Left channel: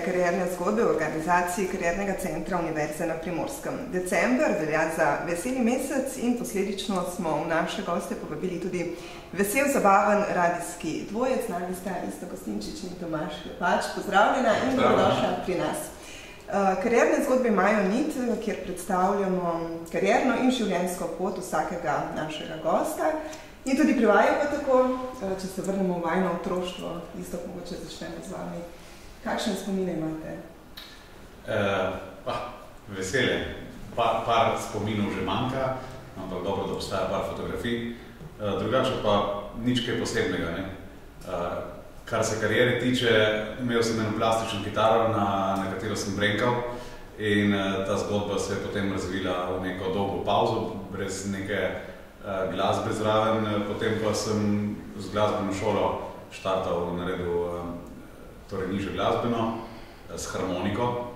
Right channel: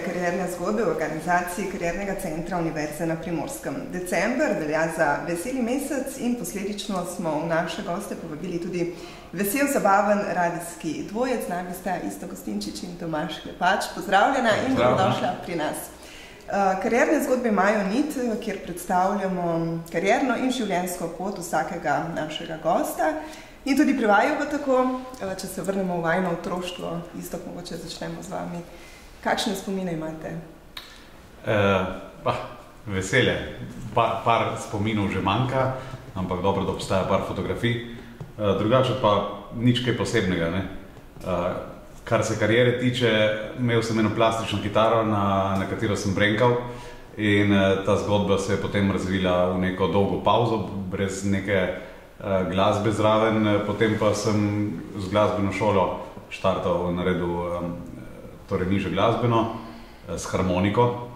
karierne zgodbe v organizaciji Kariernega centra Univerze na Primorskem. December velja za veseli mesec in posledično smo v naše goste povabili tudi vesel, zabaven radijski dvojec. Z nami sta Vista Kostinčič in Tomaž Klepač. Pozdravljena in dobrodošla pri nas. Karierne zgodbe imajo nit, kjer predstavljamo karierno in življenjsko pot vsakega našega gosta. In tudi pri vaju pa tako, če se vrnemo v vajno otroštvo, isto mogoče začnemo z vami. Kakšne spomine imate? Veselje. Par spominov že manjka, ampak dobro, da postaja par fotografij. Drugače pa nič kaj posebnega. Ne? Kar se kariere tiče, imel sem eno plastično kitaro, na katero sem brenkal in ta zgodba se je potem razvila v neko dolgo pauzo, brez neke glasbe zraven, potem pa sem z glasbeno šolo štartal, naredil torej nižjo glasbeno s harmoniko,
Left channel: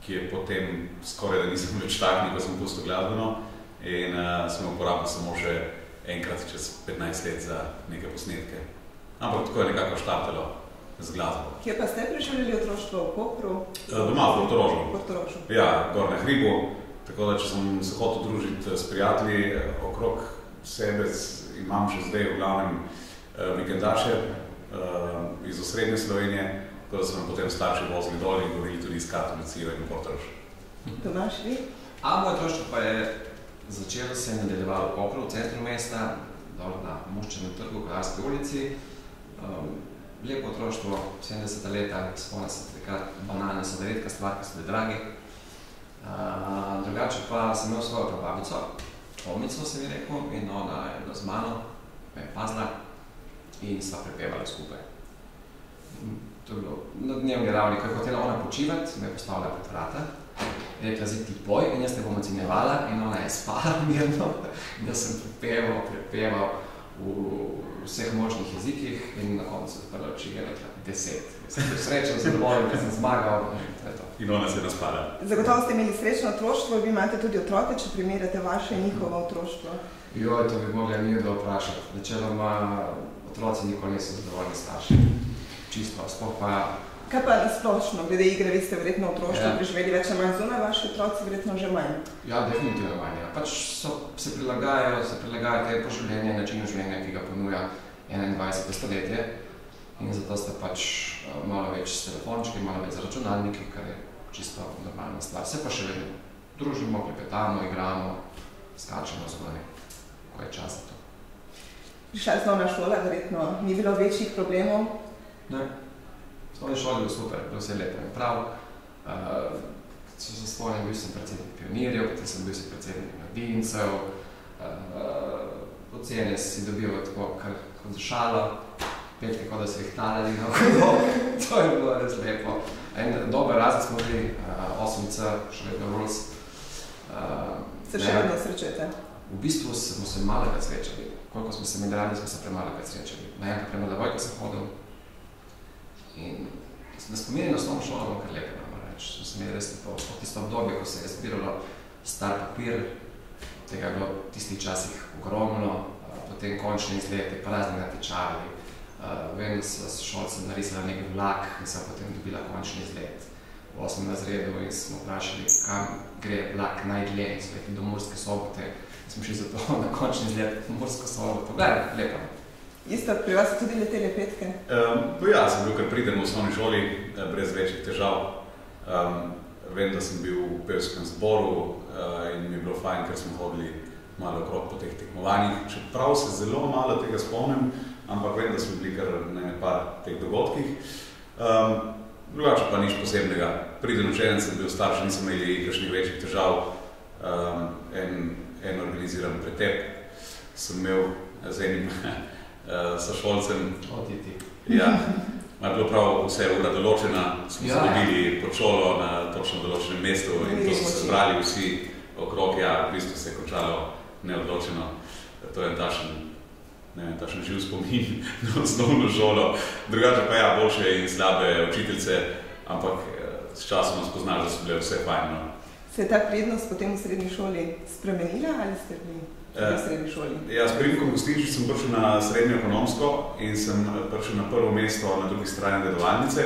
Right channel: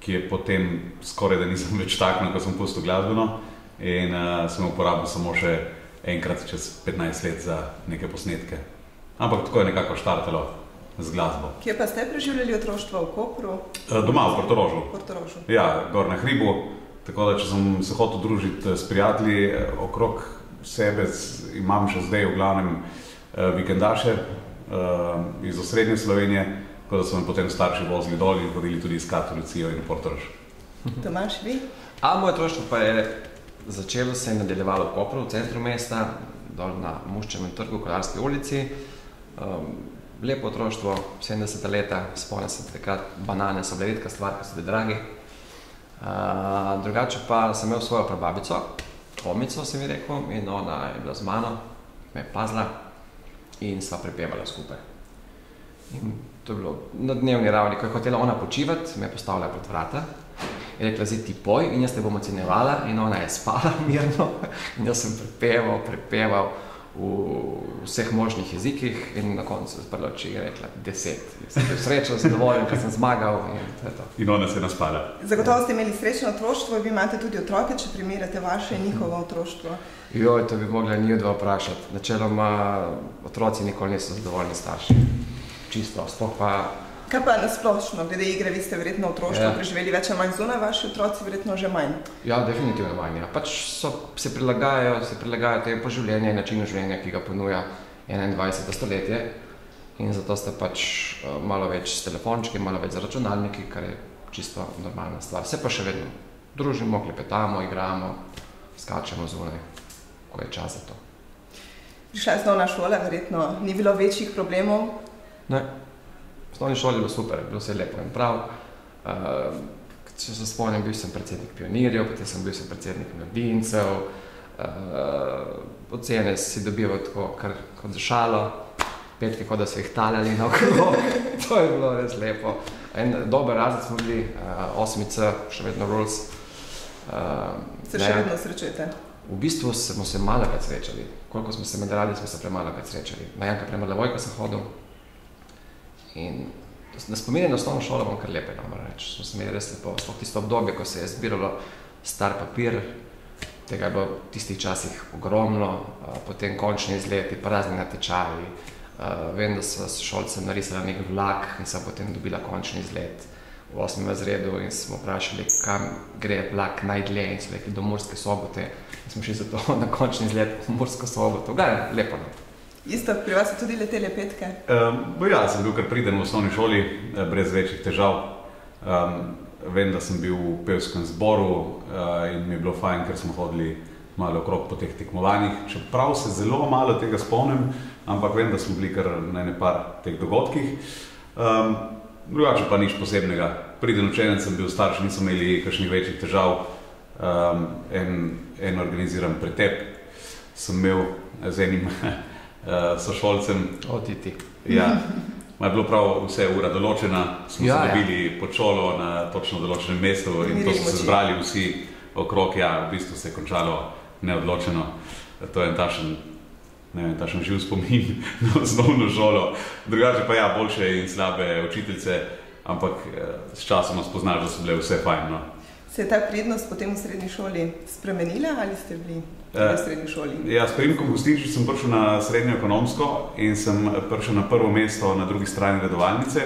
ki je potem skoraj da nisem več taknil, ko sem pustil glasbeno in sem uporabil samo še enkrat čez 15 let za neke posnetke. Ampak tako je nekako štartalo z glasbo. Kje pa ste preživljali otroštvo? V Kopru? Doma, v Portorožu. Portorožu. Ja, gor na hribu. Tako da, če sem se hotel družiti s prijatelji okrog sebe, imam še zdaj v glavnem vikendaše iz osrednje Slovenije, tako da so me potem starši vozili dol in hodili tudi iskat Lucijo in Portorož. Tomaž, vi? Moje otroštvo pa je začelo se in nadaljevalo v Kopru, v centru mesta, dol na Muščevem trgu, v Kolarski ulici. Lepo otroštvo, 70 leta, spomnim se takrat, banane so bile redka stvar, ki so bili dragi. Drugače pa sem imel svojo prababico, Tomico se mi rekel, in ona je bila z mano, me je pazila in sva prepevala skupaj. In to je bilo na dnevni ravni, ko je hotela ona počivati, me je postavila pred vrata, je rekla, zdaj ti poj in jaz te bom ocenjevala in ona je spala mirno in jaz sem prepeval v vseh možnih jezikih in na koncu se odprla oči je rekla 10. Sem bil srečen, zadovoljen, ker sem zmagal in to je to. In ona se je naspala. Zagotovo ste imeli srečno otroštvo, vi imate tudi otroke, če primerjate vaše in njihovo otroštvo. Joj, to bi mogla njih dva vprašati. Načeloma otroci nikoli niso zadovoljni starši. Čisto, sploh pa... Kaj pa nasplošno, glede igre, vi ste verjetno otroštvo preživeli več ali manj zunaj, vaši otroci verjetno že manj? Ja, definitivno manj. Pač se prilagajajo te pa življenje in načinu življenja, ki ga ponuja 21. stoletje. In zato ste pač malo več s telefončki, malo več za računalniki, kar je čisto normalna stvar. Se pa še vedno družimo, klepetamo, igramo, skačemo zunaj, ko je čas za to. Prišla je osnovna šola, verjetno ni bilo večjih problemov? Ne. V osnovni šoli je bilo super, bilo vse lepo in prav. Če se spomnim, bil sem predsednik pionirjev, potem sem bil predsednik mladincev. Ocene si dobival tako kar kot za šalo, petke kot da so jih taljali naokolo. To je bilo res lepo. En dober razred smo bili, 8C, še vedno rules. Se še vedno srečujete? V bistvu smo se malokrat srečali. Koliko smo se med radi, smo se premalokrat srečali. Najanka premladavojka sem hodil. In da spominjam na osnovno šolo, bom kar lepe nam reči. So se mi res lepo, sploh tisto obdobje, ko se je zbiralo star papir, tega je bilo v tistih časih ogromno, potem končni izleti, pa razni natečaji. Vem, da so s šolcem narisala nek vlak in sem potem dobila končni izlet v 8. razredu in smo vprašali, kam gre vlak najdlje in so rekli do Murske Sobote. In smo šli zato na končni izlet v Mursko Soboto. Gledaj, lepo. Isto, pri vas so tudi letele petke? Ja, sem bil kar priden v osnovni šoli, brez večjih težav. Vem, da sem bil v pevskem zboru in mi je bilo fajn, ker smo hodili malo okrog po teh tekmovanjih. Čeprav se zelo malo tega spomnim, ampak vem, da smo bili kar na ene par teh dogodkih. Drugače pa nič posebnega. Priden učenec sem bil, starši nisem imeli kakšnih večjih težav. En organiziran pretep sem imel z enim sošolcem. Ti. Ja, je bilo prav vse ura določena, smo se dobili pod šolo na točno določenem mestu in to so se zbrali vsi okrog, v bistvu se je končalo neodločeno. To je tašen živ spomin na osnovno šolo. Drugače pa boljše in slabe učiteljice, ampak s časom spoznaš, da so bile vse fajn. Se je ta prednost potem v srednji šoli spremenila ali ste bili v srednji šoli? Ja, s Primkom Kostinčič sem prišel na srednjo ekonomsko in sem prišel na prvo mesto na drugi strani redovalnice.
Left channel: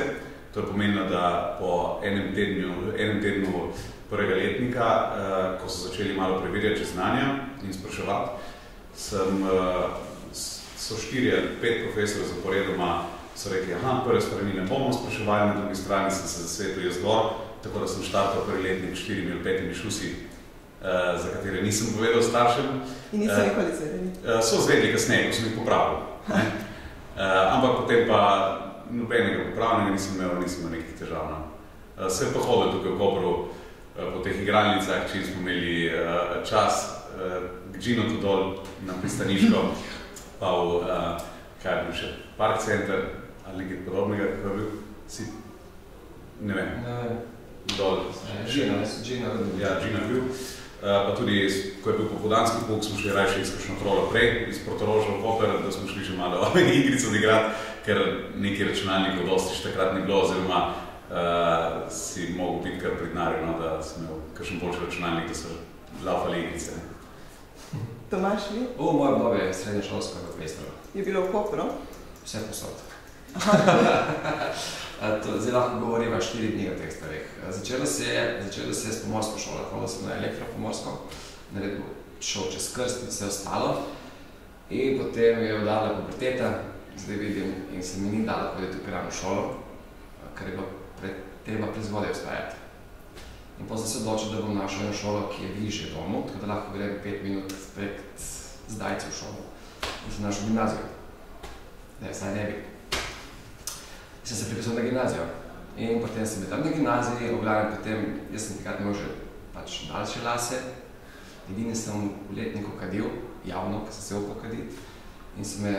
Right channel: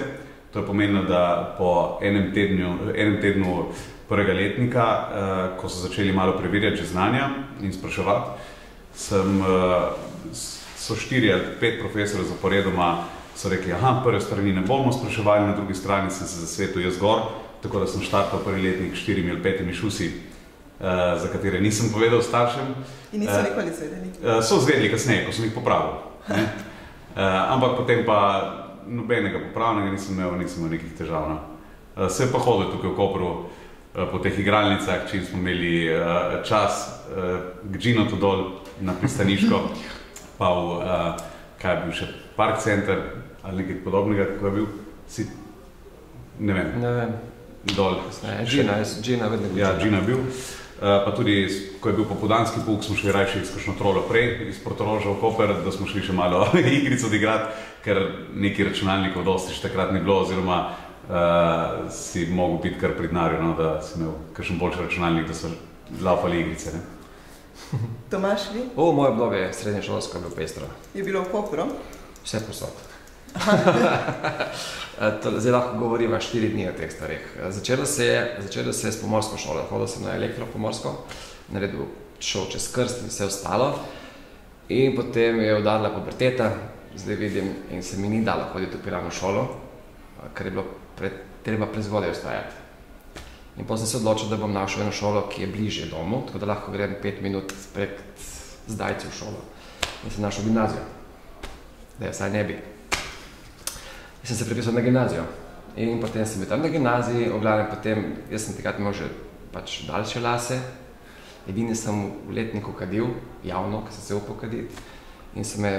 To je pomenilo, da po enem tednu prvega letnika, ko so začeli malo preverjati znanja in spraševati, so 4 ali 5 profesorjev zaporedoma so rekli, prve strani ne bomo spraševali, na drugi strani sem se zasvetil jaz gor, tako da sem štartal prvi letnik 4 ali 5 šusi, za katere nisem povedal staršem. In niso nikoli zvedeli? So zvedeli kasneje, ko sem jih popravil. Ampak potem pa nobenega popravnega nisem imel nekih težav. Se je pa hodil tukaj v Kopru po teh igralnicah, čim smo imeli čas k Džinotu dol na pristaniško, pa v, kaj je bil še, Park Center ali nekaj podobnega, kako je bil, ne vem, dol. Džina vedno bil. Ja, Džina je bil. Pa tudi, ko je bil popoldanski pouk, smo šli rajši izkušno trolo prej, iz Portoroža v Koper, da smo šli še malo igrico odigrati, ker neki računalnikov dosti še takrat ne bilo, oziroma si mogel biti kar pridnarjo, no, da si imel kakšen boljši računalnik, da so laufali igrice. Ne? Tomaž, vi? Moje obdobje je srednješolsko bilo pestro. Je bilo v Kopru? Vse posod. Zdaj lahko govorimo 4 dni o teh starih. Začelo se je s pomorsko šolo. Hodil sem na elektropomorsko, naredil šel čez krst in vse ostalo. In potem je udarila puberteta, zdaj vidim, in se mi ni dalo hoditi v Piranu šolo, ker je bilo treba prezgodaj vstajati. In potem sem se odločil, da bom našel eno šolo, ki je bližje domu, tako da lahko grem 5 minut prek zdajci v šolo. In sem našel gimnazijo. Da, vsaj ne bi. In sem se prepisal na gimnazijo. In potem sem bil tam na gimnaziji, oglavnem potem, jaz sem takrat imel že pač daljše lase. Edini sem v letniku kadil, javno, ker sem se upal kaditi. In so me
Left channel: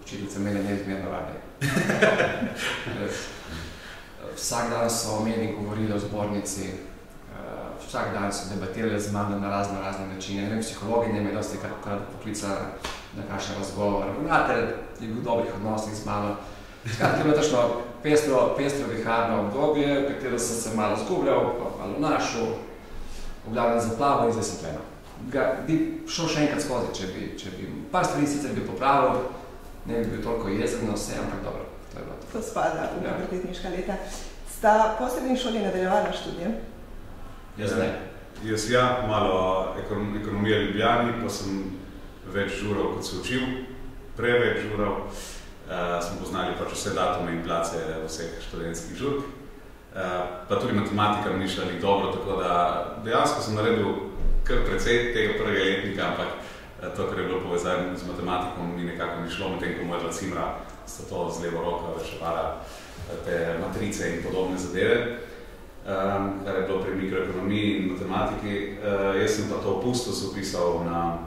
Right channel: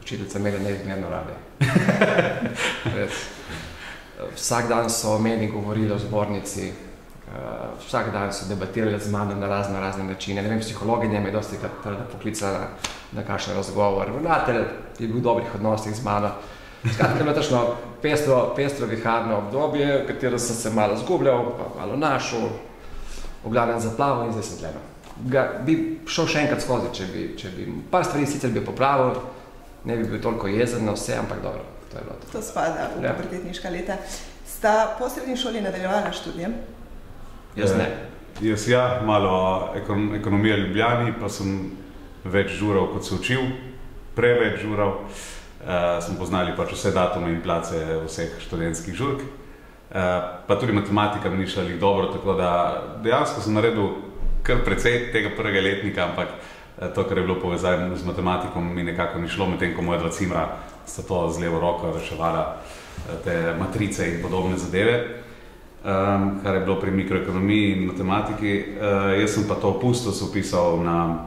učiteljica imeli neizmerno rade. Vsak dan so o meni govorili o zbornici, vsak dan so debatirali z mano na razne načine. Ne vem, psihologinja me je dosti poklicala na kakšen razgovor. Ravnatelj je bil v dobrih odnosih z mano. Skratka, je bilo tačno pestro viharno obdobje, v katero sem se malo zgubljal, pa malo našel, v glavnem zaplaval in zdaj sem tleno. Bi šel še enkrat skozi, če bi par stvari sicer bi popravil, ne bi bil toliko jezen na vse, ampak dobro, to je bilo to. To spada v pubertetniška leta. Sta po srednji šoli nadaljevala študijem? Jaz ne. Jaz malo ekonomije v Ljubljani, pa sem več žural, kot se učil, preveč žural. Smo poznali pač vse datume in place vseh študentskih žurk. Pa tudi matematika mi ni šla dobro, tako da dejansko sem naredil kar precej tega prvega letnika, ampak to, kar je bilo povezano z matematikom, mi nekako ni šlo, medtem ko moja dva cimra sta to z levo roko reševala te matrice in podobne zadeve, kar je bilo pri mikroekonomiji in matematiki. Jaz sem pa to opustil, se upisal na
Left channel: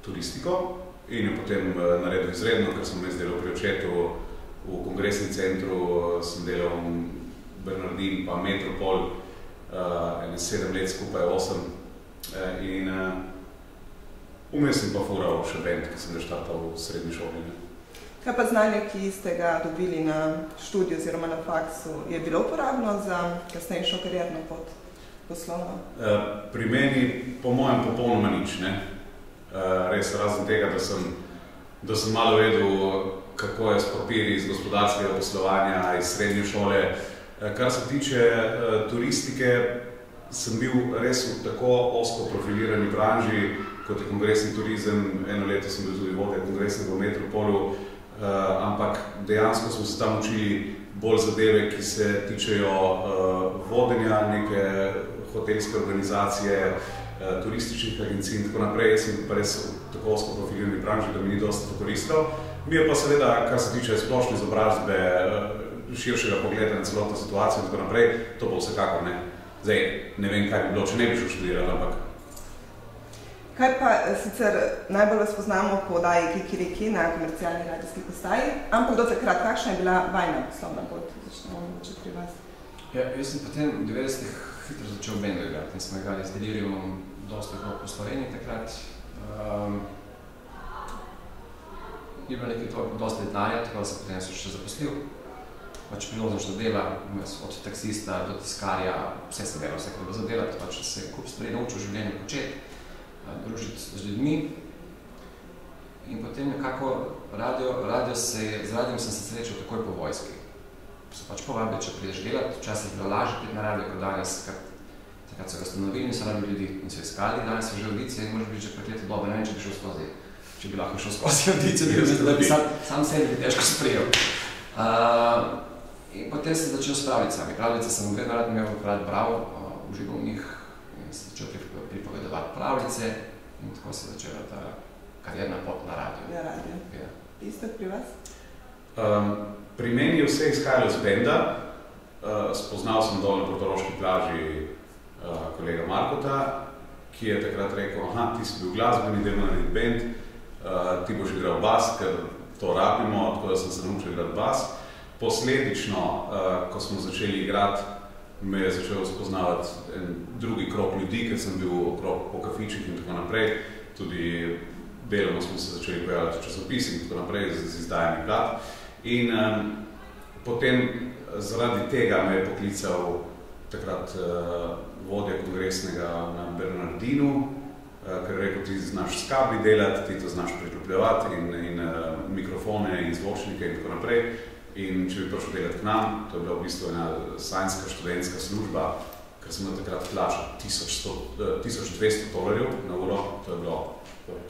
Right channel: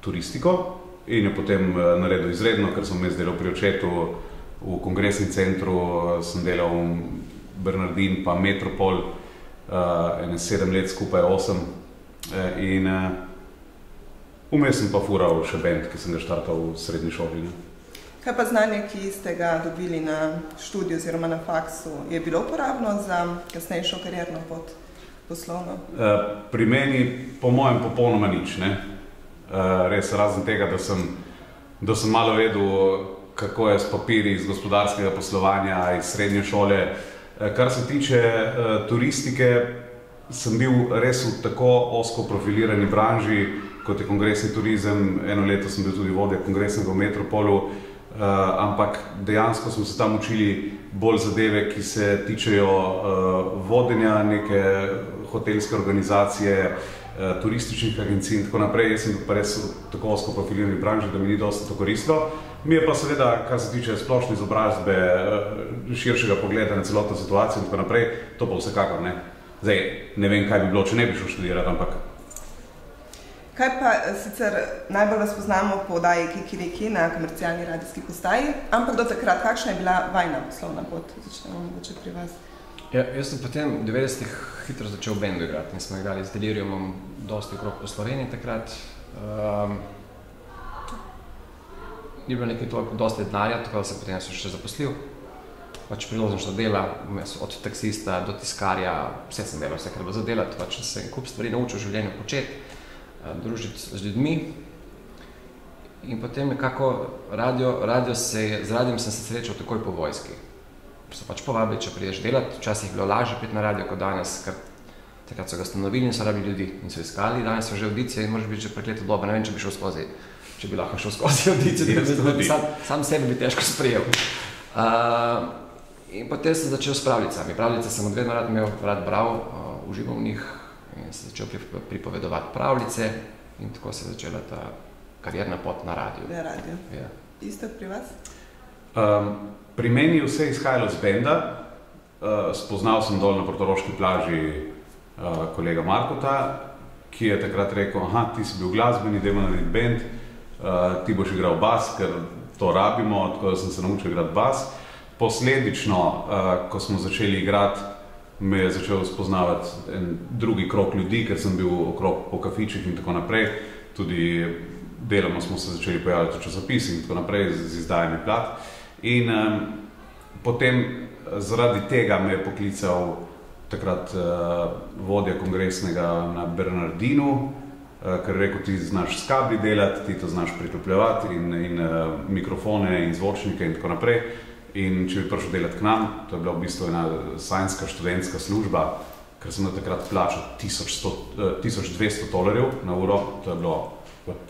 turistiko in je potem naredil izredno, ker sem jaz delal pri očetu v kongresnem centru, sem delal v Bernardin pa Metropol, 7 let skupaj 8 in vmes sem pa fural še band, ki sem ga štartal v srednji šoli. Kaj pa znanje, ki ste ga dobili na študiju oziroma na faksu, je bilo uporabno za kasnejšo karierno pot poslovno? Pri meni, po mojem, popolnoma nič, ne. Res razen tega, da sem malo vedel, kako je s papiri iz gospodarskega poslovanja, iz srednje šole. Kar se tiče turistike, sem bil res v tako ozko profilirani branži, kot je kongresni turizem. Eno leto sem bil tudi vodja kongresnega v Metropolu, ampak dejansko smo se tam učili bolj zadeve, ki se tičejo vodenja neke hotelske organizacije, turističnih agencij in tako naprej. Jaz sem pa res v tako ozko profilirani branži, da mi ni dosti to koristilo. Mi je pa seveda, kar se tiče splošne izobrazbe, širšega pogleda na celotno situacijo in tako naprej, to pa vsekakor ne. Zdaj, ne vem, kaj bi bilo, če ne bi šel študirati, ampak... Kaj pa, sicer najbolj vas poznamo po oddaji Kikiriki na komercialni radijski postaji, ampak do takrat, kakšna je bila vajna poslovna pot? Začnemo mogoče pri vas. Jaz sem potem v 90-ih hitro začel band igrati in smo igrali z Deliriumom dosti okrog po Sloveniji takrat. Ni bilo nekaj toliko dosti denarja, tako da sem potem še zaposlil. Pač priložnostna dela, od taksista do tiskarja, vse sem delal, vse kar bilo za delati, pač se kup stvari naučil v življenju početi, družiti z ljudmi. In potem nekako z radijom sem se srečal takoj po vojski. so pač povabili, če prideš delati. Včasih je bilo lažje priti na radio kot danes, ker takrat so ga ustanovili in so rabili ljudi in so iskali. Danes so že audicije in moraš biti že prekleto dober. Ne vem, če bi šel skozi, če bi lahko šel skozi audicije, da bi sam sebi bi težko sprejel. In potem sem začel s pravljicami. Pravljice sem od vedno rad bral, užival v njih in sem začel pripovedovati pravljice in tako se je začela ta karierna pot na radiju. Ja, radio. Ja. Isto pri vas? Pri meni je vse izhajalo z benda. Spoznal sem dol na Portoroški plaži kolega Markota, ki je takrat rekel, ti si bil glasbeni, dajmo narediti bend, ti boš igral bas, ker to rabimo, tako da sem se naučil igrati bas. Posledično, ko smo začeli igrati, me je začel spoznavati en drugi krog ljudi, ker sem bil okrog po kafičih in tako naprej. Tudi deloma smo se začeli pojavljati v časopisih in tako naprej z izdajanjem plat. In potem zaradi tega me je poklical takrat vodja kongresnega na Bernardinu, ker je rekel, ti znaš s kabli delati, ti to znaš priklopljevati in mikrofone in zvočnike in tako naprej. In če bi prišel delati k nam, to je bila v bistvu ena sajnska študentska služba, ker sem takrat plačal $1200 na uro, to je bilo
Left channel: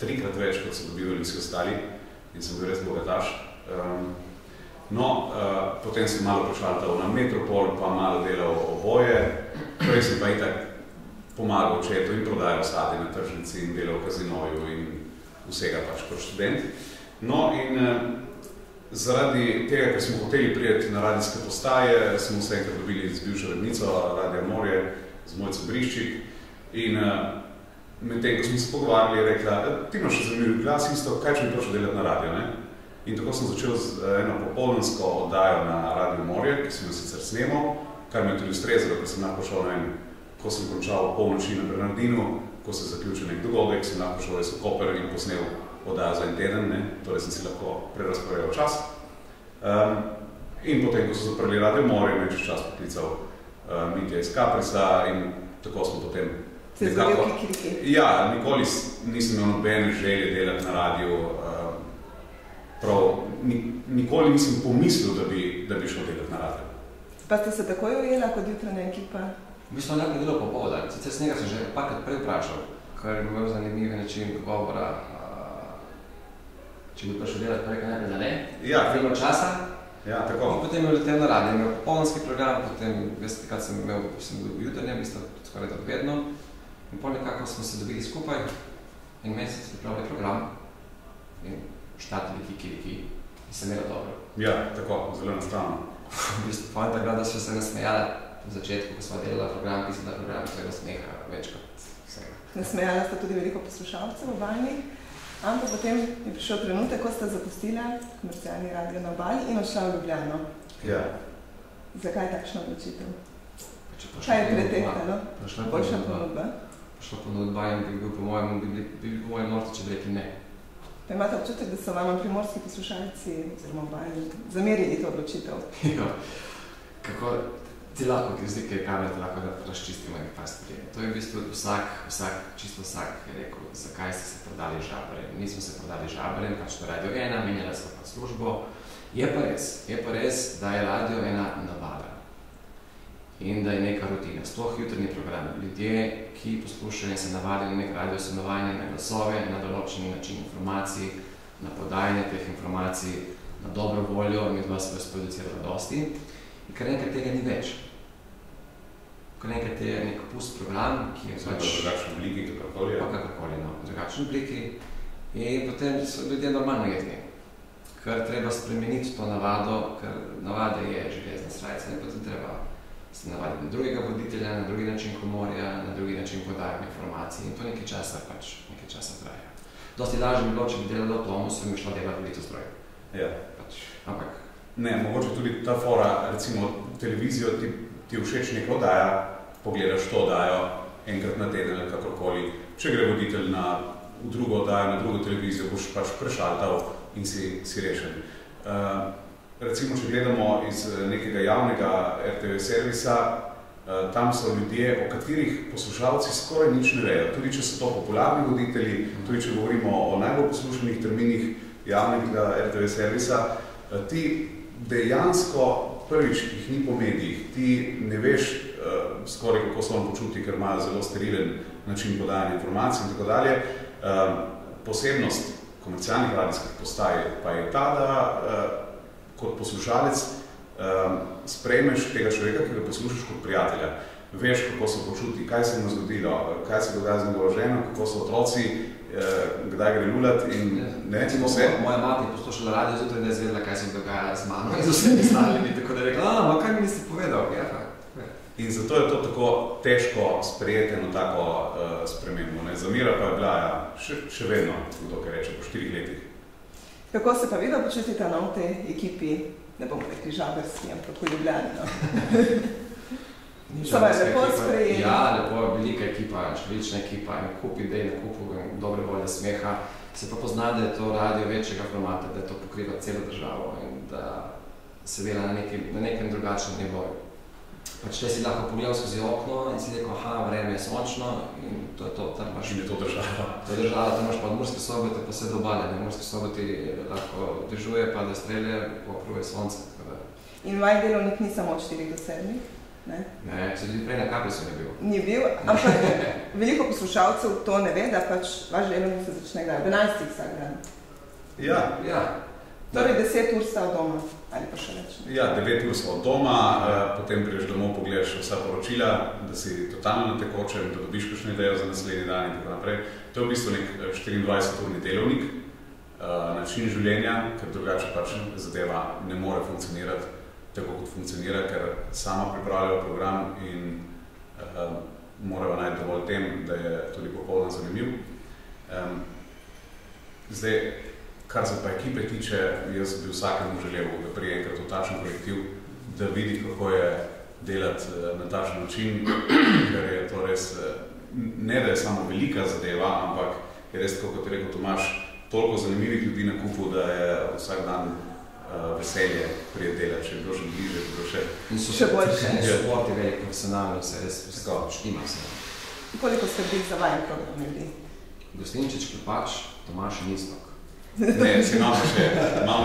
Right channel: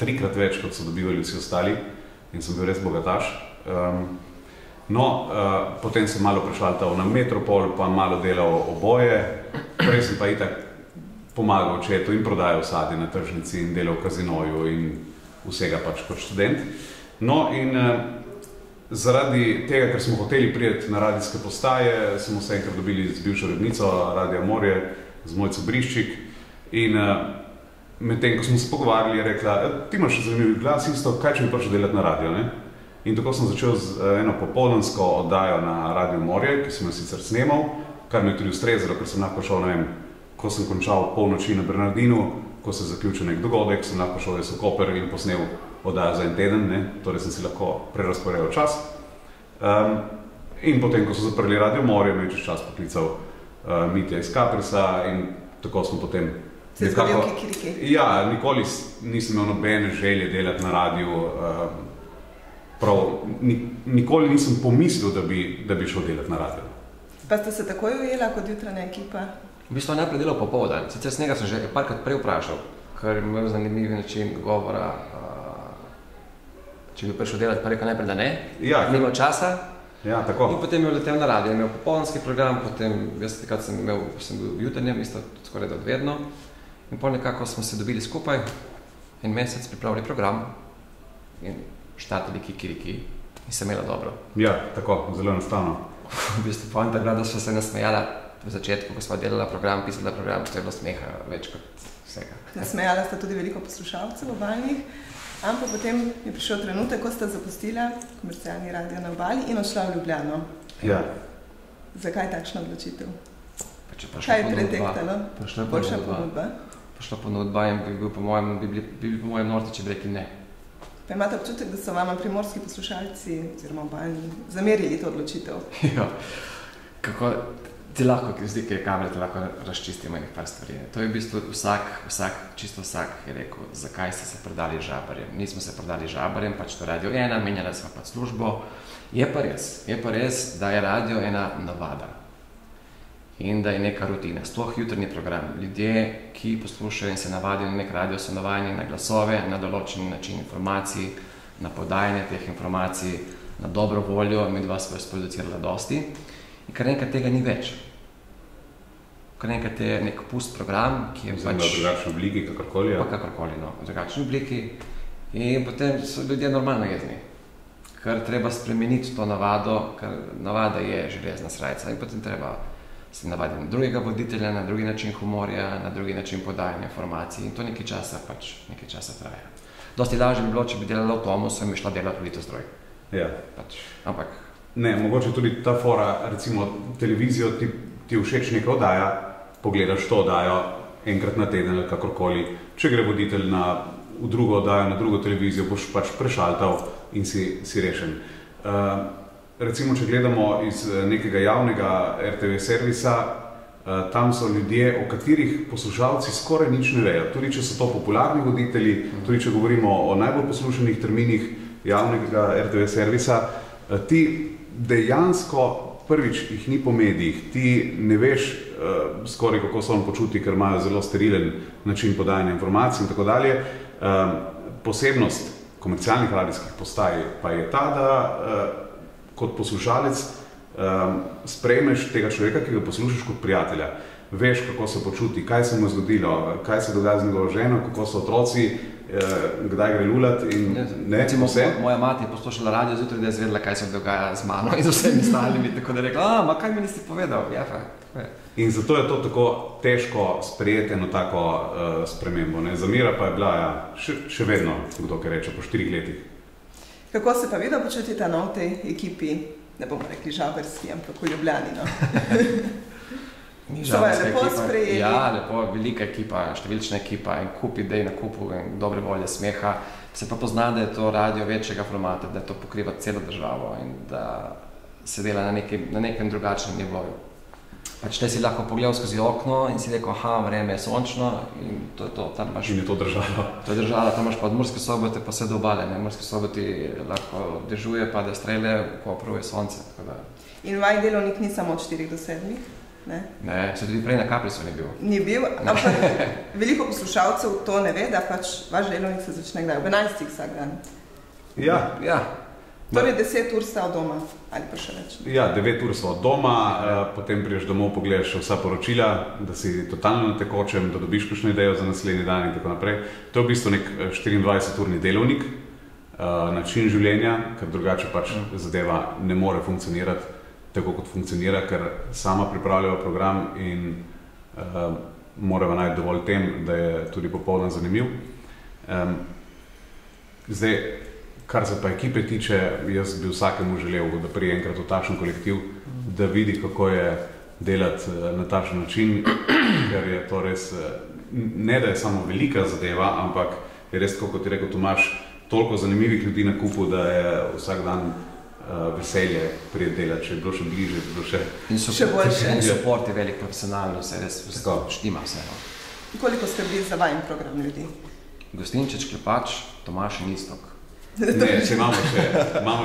3-krat več, kot so dobivali vsi ostali in sem bil res bogataš. Potem sem malo prešaltal na Metropol, pa malo delal oboje, prej sem pa itak pomagal očetu in prodajal sadje na tržnici in delal v kazinoju in vsega pač kot študent. Zaradi tega, ker smo hoteli priti na radijske postaje, smo se enkrat dobili z bivšo urednico Radia Morje, z Mojco Briščik in medtem, ko smo se pogovarjali, je rekla, ti imaš zanimiv glas, isto, kaj če bi prišel delati na radio, ne? In tako sem začel z eno popoldansko oddajo na Radio Morje, ki sem jo sicer snemal, kar mi je tudi ustrezalo, ker sem lahko šel, ne vem, ko sem končal polnoči na Bernardinu, ko se zaključil nek dogodek, sem lahko šel res v Koper in posnel oddajo za en teden, ne? Torej sem si lahko prerasporedil čas. In potem, ko so zaprli Radio Morje, me je čez čas poklical Mitja iz Kaprisa in tako smo potem se zgodil kikiriki? Ja, nikoli nisem imel nobene želje delati na radiju. Nikoli nisem pomislil, da bi šel delati na radio. Pa ste se takoj ujela kot jutranja ekipa? V bistvu najprej delal popoldan. Sicer s njega sem že parkrat prej vprašal, ker je imel zanimiv način govora. Če bi prišel delati, pa rekel najprej, da ne. Ja. Ni bilo časa. Ja, tako. In potem je letel na radio, imel popoldanski program, potem, jaz takrat sem bil v jutrnjem, isto skoraj da odvedno. In pol nekako smo se dobili skupaj, en mesec pripravili program in štartali kikiriki in se imela dobro. Ja, tako, zelo enostavno. V bistvu poanta je bila, da so se nasmejala v začetku, ko smo delala program, pisala program, to je bilo smeha več kot vsega. Nasmejala sta tudi veliko poslušalcev v Valjnih, ampak potem je prišel trenutek, ko sta zapustila komercialni radio na Obali in odšla v Ljubljano. Ja. Zakaj takšna odločitev? Kaj je pretektalo? Boljša ponudba? Prišla ponudba in bi bil po mojem norti, če bi rekli ne. Pa imate občutek, da so vam primorski poslušalci oziroma Valjni zamerili to odločitev? Ja, kako ti lahko, zdi, ki je kamera, ti lahko razčistimo in par stvari. To je v bistvu čisto vsak je rekel, zakaj ste se prodali Žabarjem. Nismo se prodali Žabarjem, pač to Radio 1, menjali smo pač službo. Je pa res, da je radio ena navada in da je neka rutina. Sploh jutrni program. Ljudje, ki poslušajo in se navadijo na nek radio, so navajeni na glasove, na določen način informacij, na podajanje teh informacij, na dobro voljo, midva sva sproducirala dosti. In kar enkrat tega ni več. Kar enkrat je nek pust program, ki je pač... V drugačni obliki, kakorkoli. Pa kakorkoli, no. V drugačni obliki. In potem so ljudje normalno jezni. Ker treba spremeniti to navado, ker navada je železna srajca in potem treba se navaditi na drugega voditelja, na drugi način humorja, na drugi način podajanja informacij in to nekaj časa traja. Dosti lažje bi bilo, če bi delala v Tomusu in bi šla delati v Litostroj. Ja. Ampak ne, mogoče tudi ta fora, recimo televizijo ti všeč neka oddaja, pogledaš to oddajo enkrat na teden ali kakorkoli. Če gre voditelj v drugo oddajo, na drugo televizijo, boš pač prešaltal in si rešen. Recimo, če gledamo iz nekega javnega RTV servisa, tam so ljudje, o katerih poslušalci skoraj nič ne vejo. Tudi če so to popularni voditelji, tudi če govorimo o najbolj poslušanih terminih javnega RTV servisa, ti dejansko prvič jih ni po medijih, ti ne veš skoraj kako se on počuti, ker imajo zelo sterilen način podajanja informacij in tako dalje. Posebnost komercialnih radijskih postaj pa je ta, da kot poslušalec sprejmeš tega človeka, ki ga poslušaš kot prijatelja. Veš, kako se počuti, kaj se mu zgodilo, kaj se dogaja z njegovo ženo, kako so otroci, kdaj gre lulat in vse. Moja mati je poslušala radio zjutraj, da je zvedela, kaj se dogaja z mano in z vsemi stalimi, tako da je rekla, kaj mi nisi povedal? Ja, pa. In zato je to tako težko sprejeti eno tako spremembo. Ne? Zamira pa je bila še vedno, kdo kaj reče, po 4 letih. Kako se pa vidno počutite v tej ekipi, ne bomo rekli žaberski, ampak v Ljubljani? So vas lepo sprejeli? Ja, lepo, velika ekipa, številčna ekipa in kup idej na kupu in dobre volje, smeha. Se pa pozna, da je to radio večjega formata, da to pokriva celo državo in da se dela na nekem drugačnem nivoju. Pač te si lahko pogledal skozi okno in si rekel, vreme je sončno in to je to. Tam imaš, in je to država. To je država, tam imaš pa od Murske Sobote pa vse do obale. V Murske Soboti lahko dežuje, pa da strele, ko prvo je sonce. In vaj delovnik ni samo od 4 do 7? Ne, se tudi prej na Kaprisu ni bil. Ni bil, ampak veliko poslušalcev to ne ve, da pač vaš delovnik se začne kdaj, ob 11 vsak dan. Ja. Torej 10 ur sta od doma, ali pa še več? Ja, 9 ur so od doma, potem priješ domov, pogledaš vsa poročila, da si totalno na tekočem, da dobiš kakšno idejo za naslednji dan in tako naprej. To je v bistvu nek 24-urni delovnik, način življenja, ker drugače pač zadeva ne more funkcionirati tako, kot funkcionira, ker sama pripravljajo program in moramo najti dovolj tem, da je tudi popoldan zanimiv. Zdaj, kar se pa ekipe tiče, jaz bi vsakemu želel, da prije enkrat v takšen kolektiv, da vidi, kako je delati na takšen način, ker je to res, ne da je samo velika zadeva, ampak je res, kot je rekel Tomaž, toliko zanimivih ljudi na kupu, da je vsak dan veselje prije delati, če je bilo še bliže, je bilo še boljše. In support je velik, profesionalno, se res štima vse. Koliko ste bili za vajen program ljudi? Gostinčič, Klepač, Tomaž in Istok. Ne, če imamo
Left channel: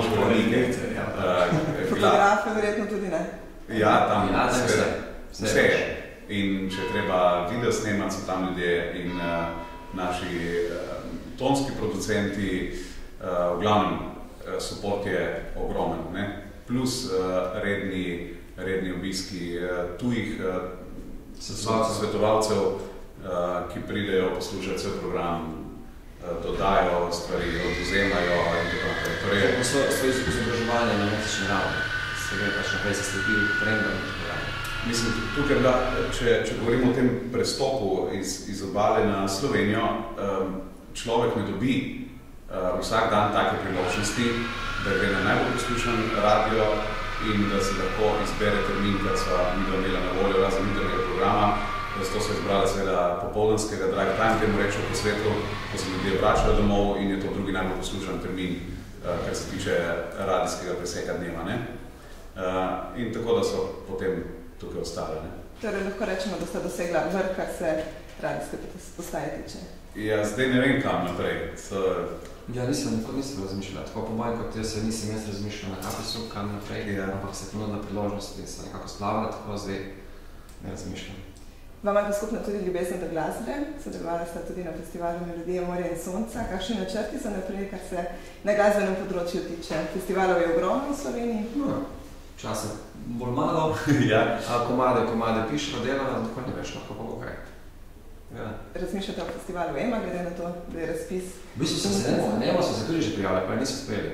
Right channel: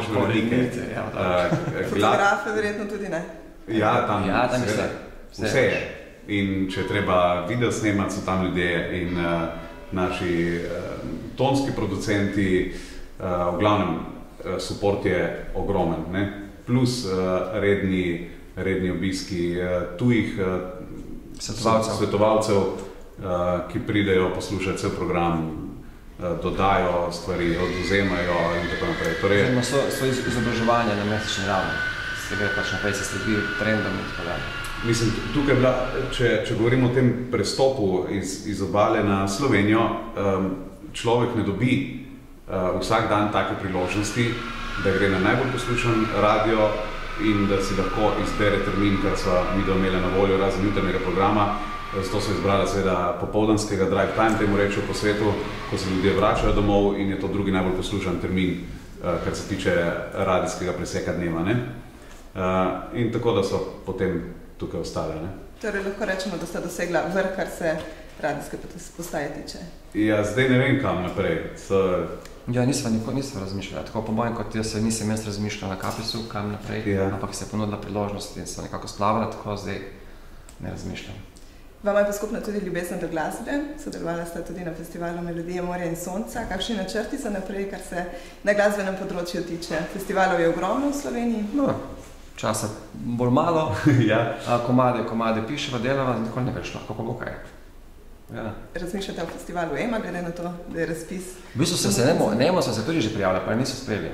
še veliko. Fotografe verjetno tudi ne? Ja, tam vse. In če treba video snemati, so tam ljudje in naši tonski producenti, v glavnem, support je ogromen, ne? Plus redni obiski tujih svetovalcev, ki pridejo poslušati cel program, dodajo stvari, odvzemajo in tako naprej. Torej, so izobraževanja na mesečni ravni, se gre pač naprej, se sledi trendom in tako dalje. Mislim, tukaj, če govorimo o tem prestopu iz obale na Slovenijo, človek ne dobi vsak dan take priložnosti, da gre na najbolj poslušan radio in da si lahko izbere termin, kar so mi imeli na voljo razen internega programa. Zato so izbrali seveda popoldanskega drive time, temu rečejo po svetu, ko se ljudje vračajo domov in je to drugi najbolj poslušan termin, kar se tiče radijskega preseka dneva. Ne? In tako, da so potem tukaj ostali. Ne? Torej lahko rečemo, da sta dosegla vrh, kar se radijske postaje tiče. Ja, zdaj ne vem kam naprej. Ja, nisem razmišljala. Tako po mojem, kot jaz nisem razmišljala na Kaprisu, kam naprej, ampak se je ponudila priložnost in se nekako splavala, tako zdaj ne razmišljam. Vam je pa skupna tudi ljubezen do glasbe, sodelovala sta tudi na festivalu Melodije morja in sonca. Kakšni načrti za naprej, kar se na glasbenem področju tiče? Festivalov je ogromno v Sloveniji? No, časa bolj malo, komade pišemo, delamo, tako ne veš, lahko pa bo kaj. Ja. Razmišljate o festivalu EMA, glede na to, da je razpis? V bistvu so se tudi že prijavili, pa niso sprejeli.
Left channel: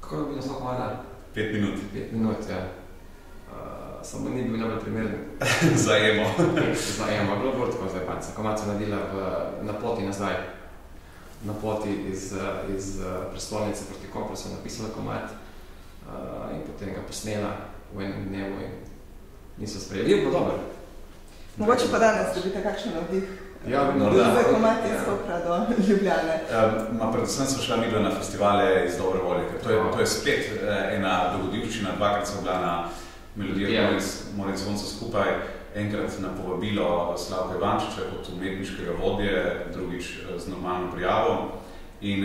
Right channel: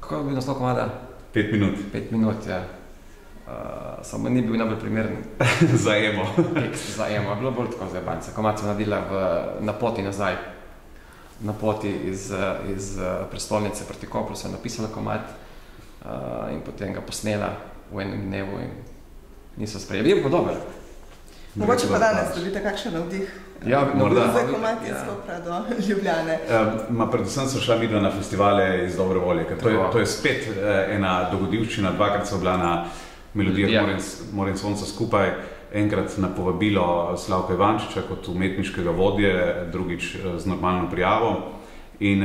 Kako bi naslov komada? 5 minut. 5 minut, ja. Samo ni bil najbolj primeren. Za EMO. Za EMO, bilo bolj tako zajebanca. Komad sem nadila na poti nazaj. Na poti iz prestolnice proti Kopru sem napisala komad in potem ga posnela v enem dnevu in niso sprejeli. Je bilo dobro. Mogoče pa danes dobite kakšen navdih. Ja, morda. Za komad iz Kopra do Ljubljane. Predvsem so šla midva na festivale iz dobre volje, ker to je spet ena dogodivščina, dvakrat so bila na Melodije morja in sonca skupaj, enkrat na povabilo Slavka Ivančiča kot umetniškega vodje, drugič z normalno prijavo. In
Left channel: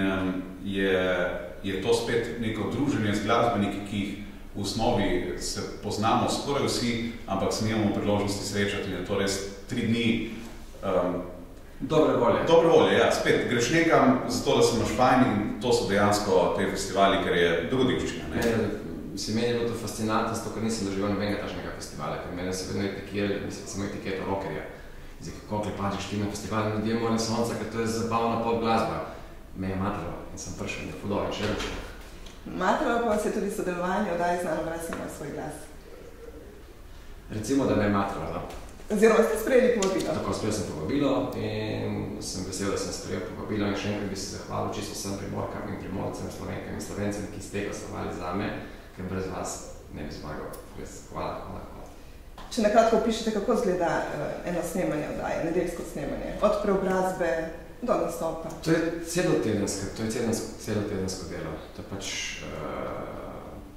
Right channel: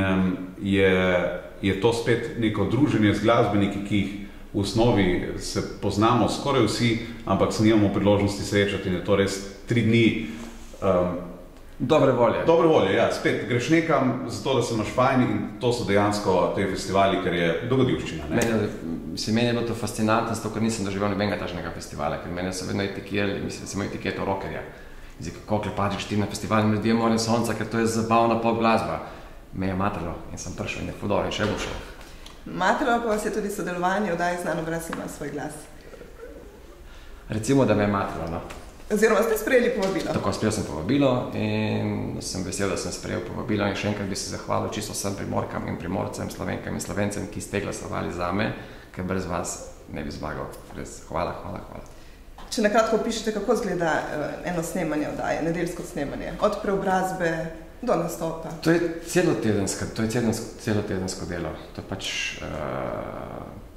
je to spet neko druženje z glasbeniki, ki jih v osnovi se poznamo skoraj vsi, ampak se nimamo priložnosti srečati in je to res 3 dni dobre volje. Dobre volje, ja. Spet greš nekam zato, da se imaš fajn in to so dejansko te festivali, ker je dogodivščina. Meni je bilo to fascinantno, zato, ker nisem doživel nobenega takšnega festivala, ker mene so vedno etikirali, mislim, samo etiketo rockerja. Zdaj, kako klepačiš ti na festival in ljudje morim sonca, ker to je zabavna pop glasba. Me je matralo in sem prišel in je fudov in še boljše. Matralo pa vas je tudi sodelovanje oddaji Znano obraz ima svoj glas. Recimo, da me je matralo. Oziroma ste sprejeli povabilo. Tako, sprejel sem povabilo in sem vesel, da sem sprejel povabilo in še enkrat bi se zahvalil čisto vsem Primorkam in Primorcem, Slovenkam in Slovencem, ki ste glasovali zame, ker brez vas ne bi zmagal. Res, hvala. Če nakratko opišete, kako izgleda eno snemanje oddaje, nedeljsko snemanje, od preobrazbe do nastopa? To je celotedensko delo. To je pač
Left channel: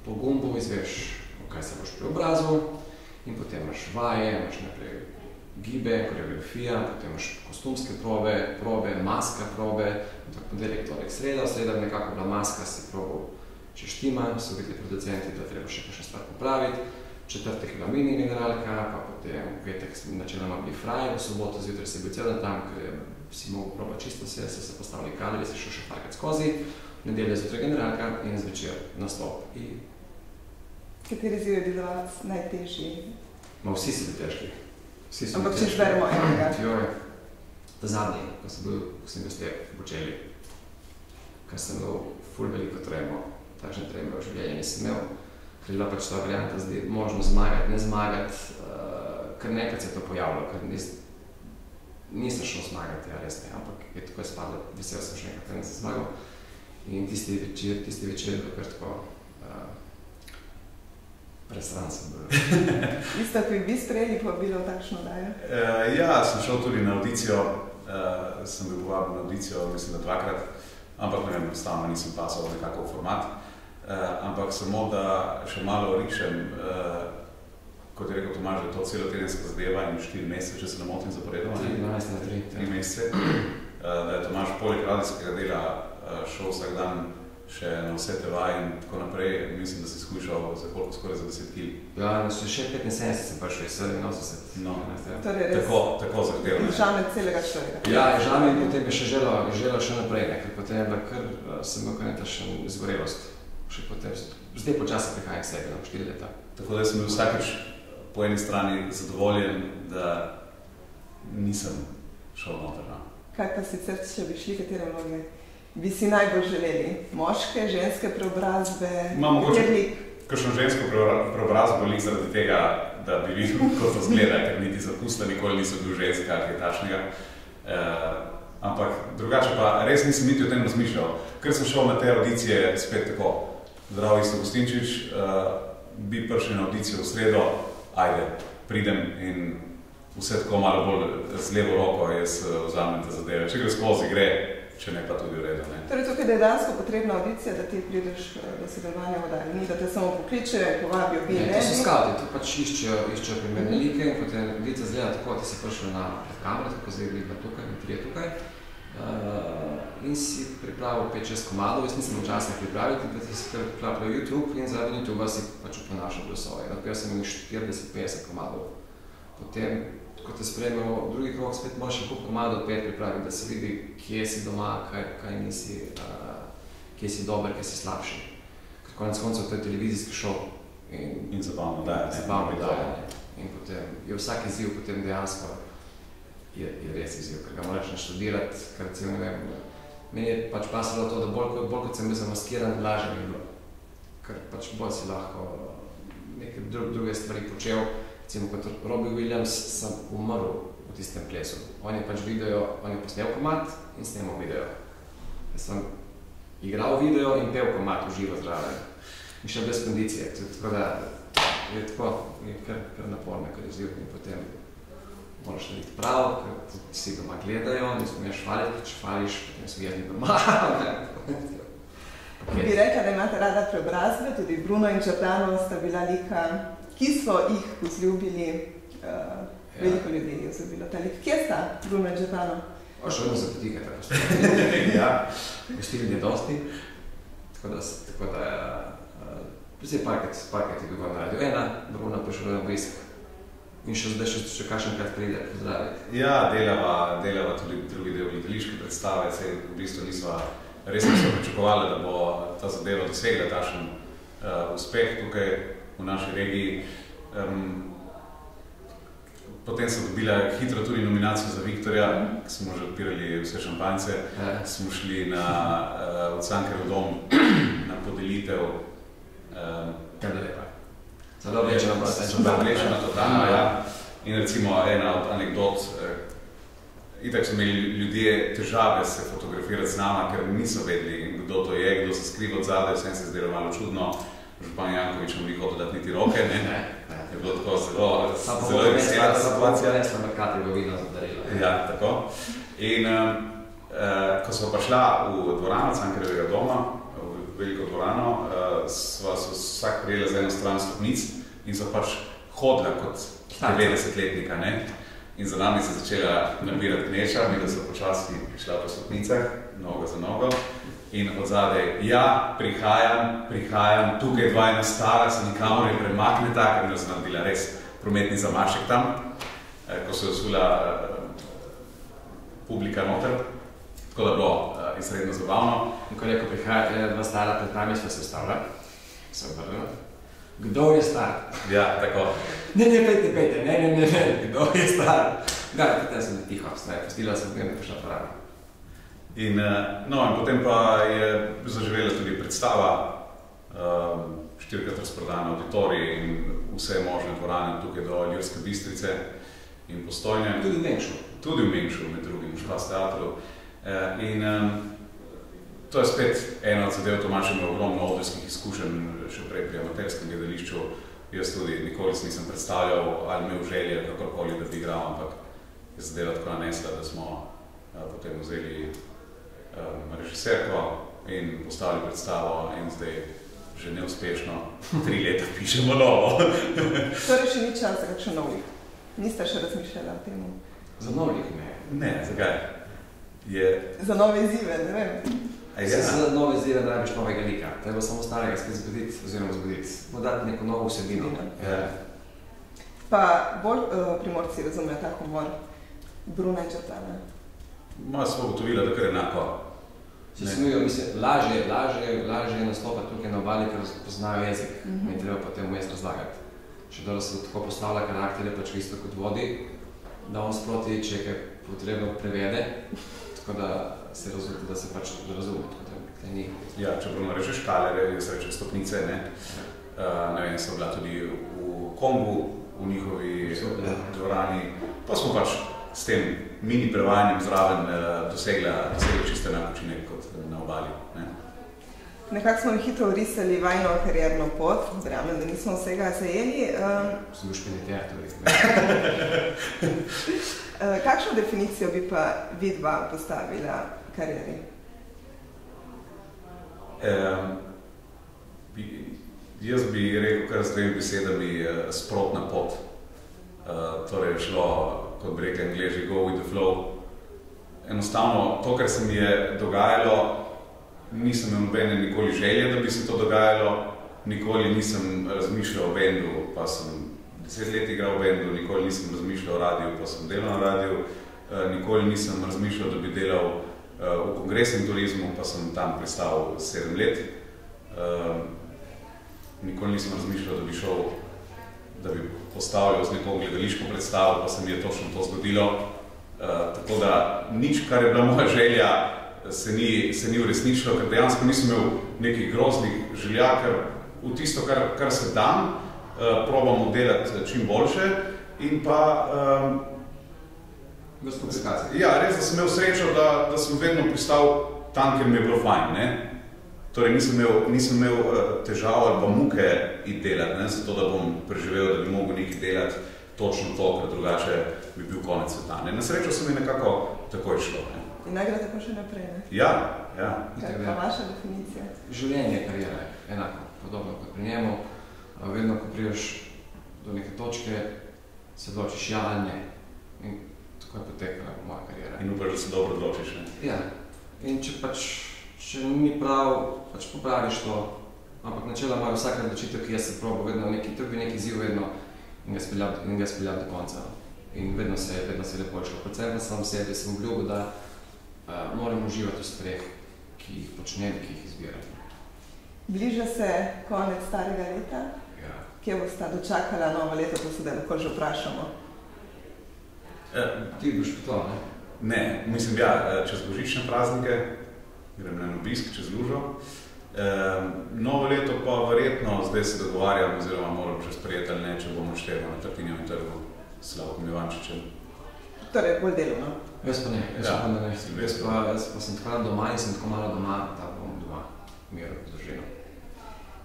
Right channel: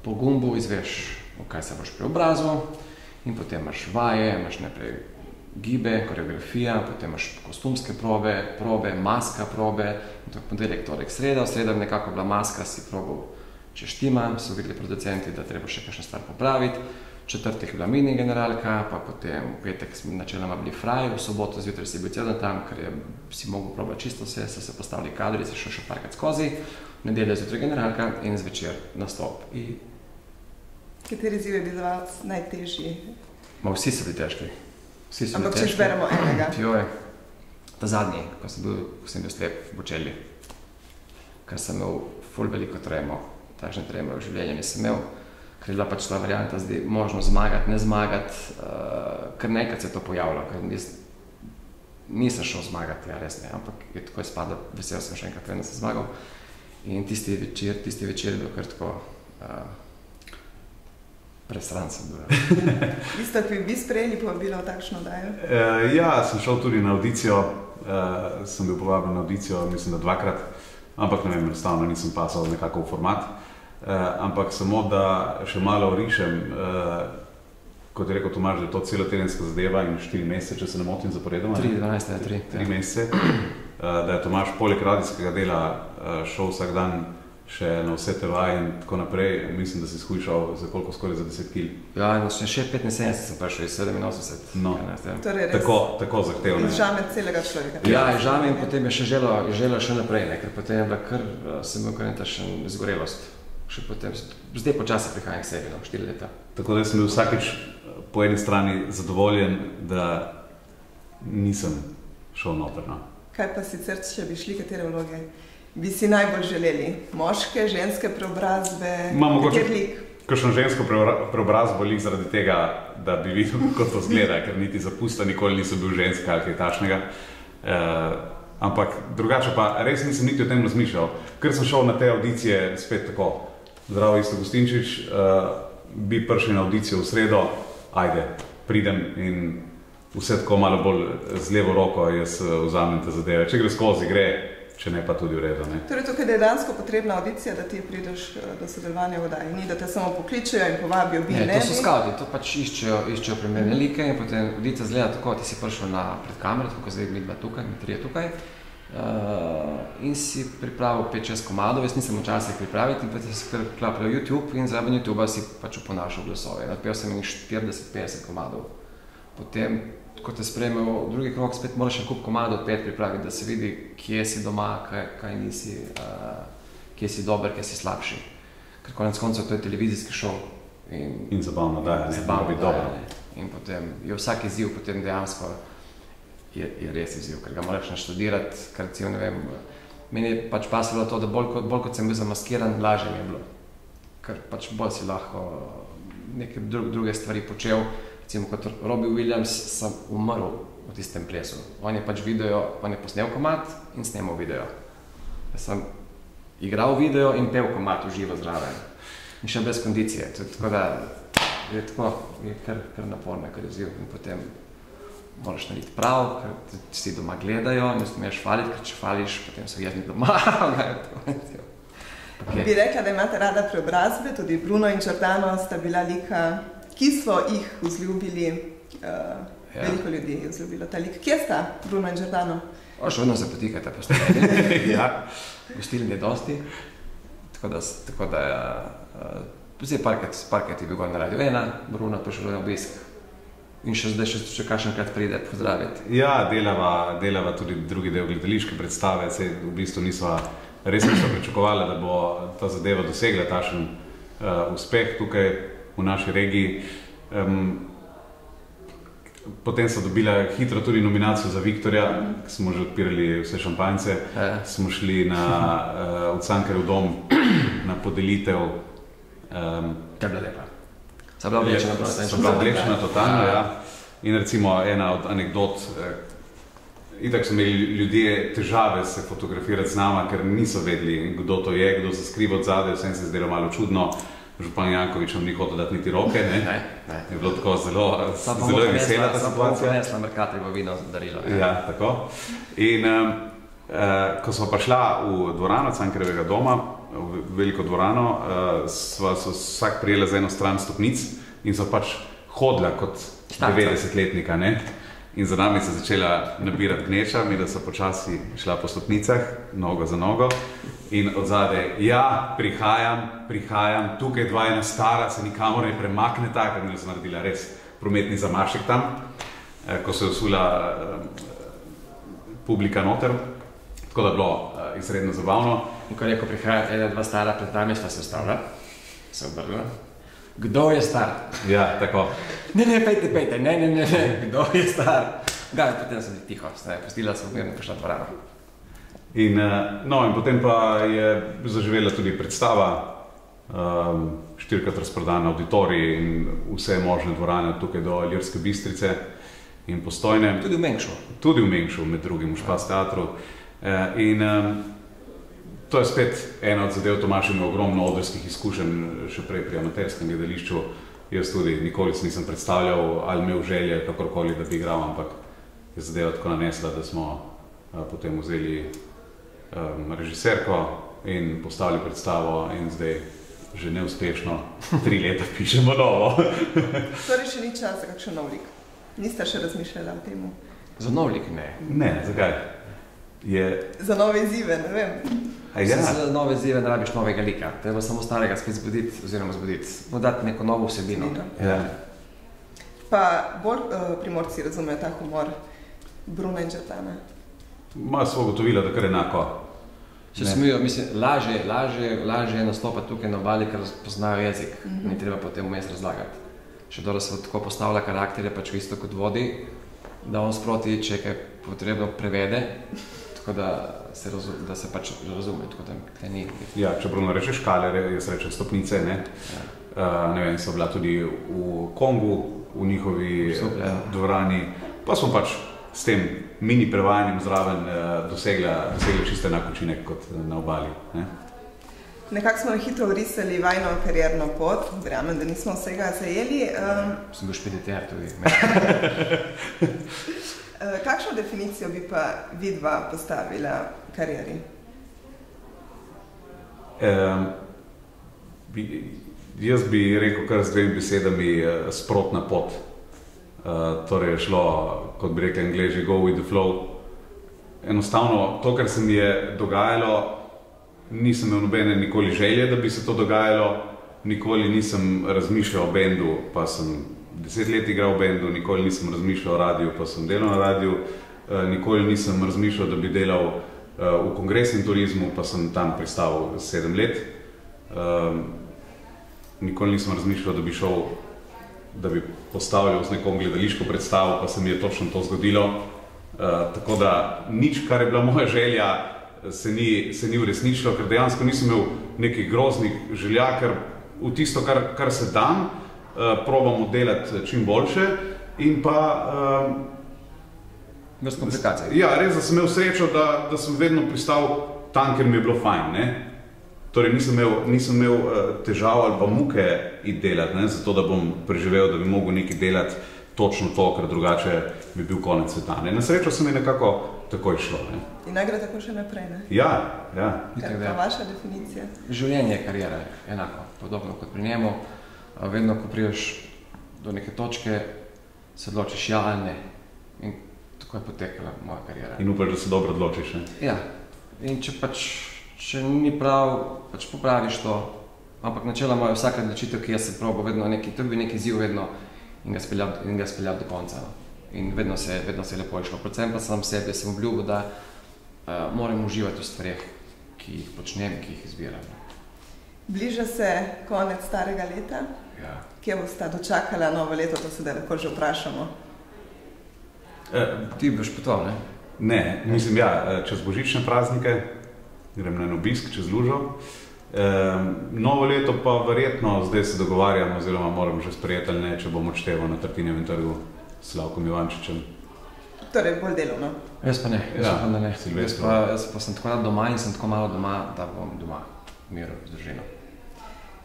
po gumbu izveš, v kaj se boš preobrazil in potem imaš vaje, imaš najprej gibe, koreografija, potem imaš kostumske probe, maska probe, in to je ponedeljek, torek, sreda. V sredo nekako bila maska, si probal, če štima, so videli producenti, da treba še kakšno stvar popraviti. Četrtek je bila mini generalka, pa potem v petek smo načeloma bili fraj, v soboto zjutraj si bil cel dan tam, ker si mogel probati čisto vse, se postavili kadri, se šel še parkati skozi, nedelja zjutraj generalka in zvečer nastop. Kateri izziv je bil za vas najtežji? Vsi so bili težki. Ampak če izberemo enega? Joj, ta zadnji, ko sem bil slep v Bočeli, ker sem imel ful veliko tremo, takšne treme v življenju nisem imel. Ker je bila pač ta varianta zdaj možno zmagati, ne zmagati, ker nekaj se je to pojavilo, ker nisem šel zmagati, ja res ne, ampak je tako spada, vesel sem še enkrat, da sem zmagal. In tisti večer je bil kar tako presran sem bil. Ste vi sprejeli povabilo v takšno oddajo? Ja, sem šel tudi na audicijo, sem bil povabljen na audicijo, mislim, da 2-krat, ampak ne vem, enostavno nisem pasal nekako v format. Ampak samo, da še malo orišem, kot je rekel Tomaž, da je to celotedenska zadeva in 4 mesece, če se ne motim zaporedoma. 3 mesece. Da je Tomaž poleg radijskega dela šel vsak dan še na vse tevaje in tako naprej. Mislim, da si shujšal za koliko, skoraj za 10 kil. Ja, še 75 sem prišel iz 87. No, tako zahtevno. Žame celega človeka. Ja, žame in potem je še želel še naprej, ker potem je bila kar, sem imel kar nekaj zgorelost. Še potem, zdaj počasi prihajam k sebi, 4 leta. Tako da sem bil vsakič po eni strani zadovoljen, da nisem šel noter. Kaj pa sicer, če bi šli, katere vloge bi si najbolj želeli? Moške, ženske preobrazbe? Imam mogoče kakšno žensko preobrazbo lik zaradi tega, da bi videl, kot to zgleda, ker niti zapusta nikoli nisem bil ženska ali kaj takšnega. Ampak drugače pa res nisem niti o tem razmišljal. Ker sem šel na te audicije spet tako, zdravo, Isto Gustinčič, bi prišli na audicijo v sredo, ajde, pridem in vse tako malo bolj z levo roko jaz vzamem te zadeve. Če gre skozi, gre, če ne pa tudi v redu. Torej tukaj je dejansko potrebna audicija, da ti prideš do sodelovanja v oddaji. Ni, da te samo pokličejo in povabijo, bi ne? To so skadi, to pač iščejo primerne like in potem audicija zgleda tako, ti si prišel pred kamero, tako zdaj bili 2 tukaj, 3 tukaj. In si pripravil 5-6 komadov, jaz nisem včasih pripraviti in potem si priklapljal YouTube in zraven YouTube si pač uponašal glasove. Napel sem jih 40-50 komadov. Potem, ko te sprejmejo drugi krog, spet moraš še kup komadov 5 pripraviti, da se vidi, kje si doma, kaj nisi, kje si dober, kje si slabši. Ker konec koncev to je televizijski šov. In zabavno daje, In potem je vsak izziv potem dejansko je res izziv, ker ga moraš naštudirati, ker recimo, ne vem, meni je pač pasalo to, da bolj kot sem bil zamaskiran, lažje mi je bilo. Ker pač bolj si lahko neke druge stvari počel. Recimo kot Robbie Williams sem umrl v tistem plesu. On je pač on je posnel komad in snemal video. Jaz sem igral video in pel komad v živo zraven. In še brez kondicije. Tako da je kar naporno, kar izziv. In potem moraš narediti prav, ker vsi doma gledajo, ne smeš hvaliti, ker če hvališ, potem so jezni doma. Bi rekla, da imate rada preobrazbe, tudi Bruno in Giordano sta bila lika, ki so jih vzljubili, veliko ljudi je vzljubilo ta lik. Kje sta Bruno in Giordano? Še vedno se potikajte po stvari. Gostili ne dosti, tako da Zdaj parket je bil na Radio 1, Bruna poželuje obisk. In zdaj še kakšenkrat pride pozdraviti. Ja, delava tudi drugi del gledališke predstave, v bistvu res niso pričakovali, da bo ta zadeva dosegla takšen uspeh tukaj v naši regiji. Potem so dobila hitro tudi nominacijo za Viktorja, ki smo že odpirali vse šampanjce. Smo šli v Cankarjev dom na podelitev. To je bila lepa. So bila oblečena totalno, ja. In recimo ena od anekdot, itak so imeli ljudje težave se fotografirati z nama, ker niso vedeli, kdo to je, kdo se skriva od zadaj, vsem se zdelo malo čudno. Župan Jankovič nam ni hotel dati niti roke, ne? Je bilo tako zelo vesela situacija. Resla Merkata je vino zadarilo. Ja, tako. In ko smo pa šla v dvorano Cankarjevega doma, v veliko dvorano, sva se vsak prijela z eno stran stopnic in so pač hodila kot 90-letnika, ne? In za nami se začela nabirati gneča, mi da so počasi šla po stopnicah, nogo za nogo. In od zadaj, ja, prihajam, tukaj dva ena stara, se nikamor ne premakneta, ker mi so naredila res prometni zamašek tam, ko se je usula publika noter. Tako da je bilo izredno zabavno. Ko je rekel, prihajate ena dva stara, pred nami smo se ustavila, se obrnila. Kdo je star? Ja, tako. Ne, pejte, ne, kdo je star? Gara, potem sem tiho, pustila sem v kakšna dvorana. In potem pa je zaživela tudi predstava, 4-krat razprodana auditorij in vse možne dvorane tukaj do Ilirske Bistrice in Postojne. Tudi v Mengšu. Tudi v Mengšu, med drugim v Špas teatru. In to je spet ena od zadev, Tomaž ima ogromno odrskih izkušenj še prej pri amaterskem gledališču. Jaz tudi nikoli se nisem predstavljal ali imel želje kakorkoli, da bi igral, ampak je zadeva tako nanesla, da smo potem vzeli režiserko in postavili predstavo in zdaj že neuspešno 3 leta pišemo novo. Torej še ni čas za kakšen nov lik? Niste še razmišljali o tem? Za nov lik ne. Ne, zakaj? Za nove izzive, ne vem. Za nove izzive ne rabiš novega lika. Treba samo starega spet zbuditi, oziroma bo dati neko novo vsebino. Pa bolj Primorci razumejo ta humor Bruna in Četana? Moja so ugotovila, da kar enako. Lažje je nastopati tukaj na obali, ker poznajo jezik. Ni treba potem vmes razlagati. Še dobro se tako postavlja karakterje, pač isto kot vodi, da on sproti, če je kaj potrebno, prevede, tako da se pač razume, tako da ni. Ja, če Bruno reče škale, jaz rečem stopnice, ne? Ne vem, so bila tudi v Kongu, v njihovi dvorani, pa smo pač s tem mini prevajanjem zraven dosegli čisto enak učinek kot na obali. Ne? Nekako smo hitro urisali vajno karierno pot, verjamem, da nismo vsega zajeli. Sem bil špediter tudi. Kakšno definicijo bi pa vidva postavila karieri? Jaz bi rekel kar z 2 besedami sprotna pot. Torej je šlo, kot bi rekli Angleži, go with the flow. Enostavno, to, kar se mi je dogajalo, nisem imel nobene nikoli želje, da bi se to dogajalo, nikoli nisem razmišljal o bendu, pa sem 10 let igral v bendu, nikoli nisem razmišljal o radiju, pa sem delal na radiju, nikoli nisem razmišljal, da bi delal v kongresnem turizmu, pa sem tam prestal 7 let. Nikoli nisem razmišljal, da bi šel, da bi postavljal z nekom gledališko predstavo, pa se mi je točno to zgodilo. Tako da nič, kar je bila moja želja, se ni uresničilo, ker dejansko nisem imel nekih groznih želja, ker v tisto, kar se dan, probamo delati čim boljše in pa... Bez komplikacij. Ja, res, da sem imel srečo, da sem vedno pristal tam, ker mi je bilo fajn, ne? Torej nisem imel težav ali pa muke iti delati, ne? Zato da bom preživel, da bi mogel nekaj delati točno to, ker drugače bi bil konec sveta. Na srečo se mi nekako takoj šlo. Ne? In naj gre tako še naprej, ne? Ja. Kaj pa vaša definicija? Življenje, karijera je enako, podobno kot pri njemu. Vedno, ko priješ do neke točke, se odločiš ja ali ne. In tako je potekala moja karijera. In upaš, da se dobro odločiš, ne? Ja. In če ni prav, pač popraviš to Ampak načeloma je vsaka odločitev, ki jaz se probo, vedno neki, to bi neki izziv vedno in ga speljal do konca. In vedno se je lepo išlo. Predvsem pa sam sebi sem obljubil, da moram uživati v stvareh, ki jih počnem, ki jih izbiram. Bliža se konec starega leta. Ja. Kje bosta dočakala novo leto, to se da lahko že vprašamo? Ti boš potoval, ne? Ne, mislim, čez božične praznike grem na obisk čez lužo. Novo leto pa verjetno zdaj se dogovarjam, oziroma moram že sprejeti ali ne, če bom odšteval na Tartinjevem trgu s Slavkom Ivančičem. Torej, bolj delovno. Jaz pa ne. Silvestro. Jaz pa sem tako rad doma in sem tako malo doma, da bom doma miru z družino.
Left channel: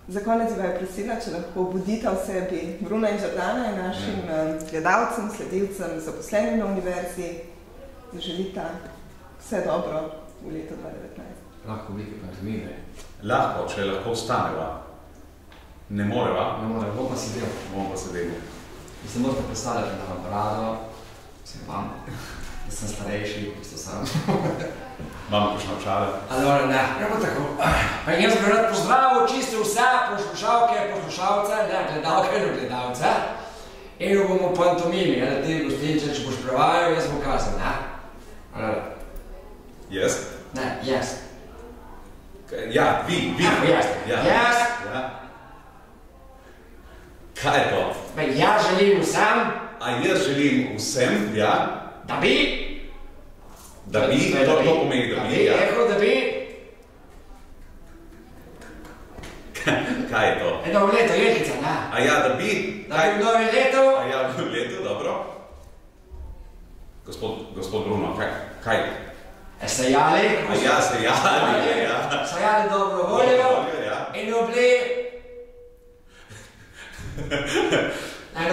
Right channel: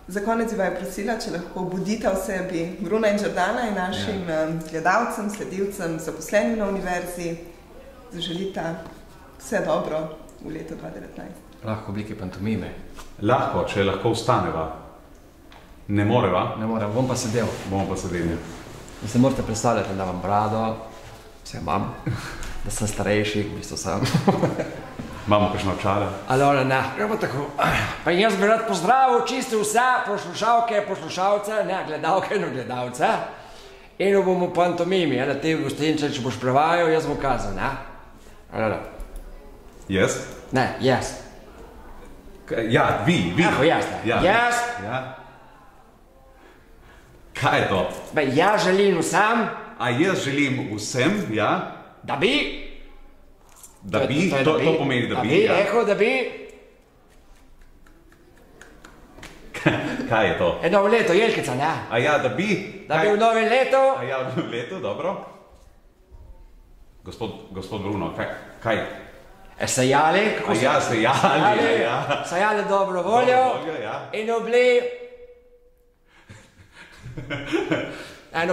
Za konec bi vaju prosila, če lahko budita v sebi Bruna in Jordana in našim gledalcem, sledilcem, zaposlenim na univerzi, zaželita vse dobro v letu 2019. Lahko oblike pantomime. Lahko, če lahko vstaneva. Ne moreva. Ne morem, bom pa sedel. Bomo pa sedeli. Vi se morate predstavljati, da imam brado, vse imam, da sem starejši, v bistvu sem. Imamo kakšno očala? Allora, ne, gremo tako. Pa jaz bi rad pozdravil čisto vse poslušalke, poslušalce, ne, gledalke in gledalce. In bomo pantomimi, da ti v gostince, če boš prevajal, jaz bom kazal, ne? Allora. Jaz? Ne, jaz. Ja, vi. Jaz. Ja. Jaz. Ja. Kaj je to? Jaz želim vsem. A jaz želim vsem, ja? Da bi. Da bi, to pomeni, da bi, ja. Rekel, da bi. Kaj je to? Novo leto, Jelkica, ne? A ja, da bi? Da bi v novi letu. A ja, v letu, dobro. Gospod Bruno, kaj? Sejali. A ja, sejali, ja. Sejali dobro voljo. Ja. In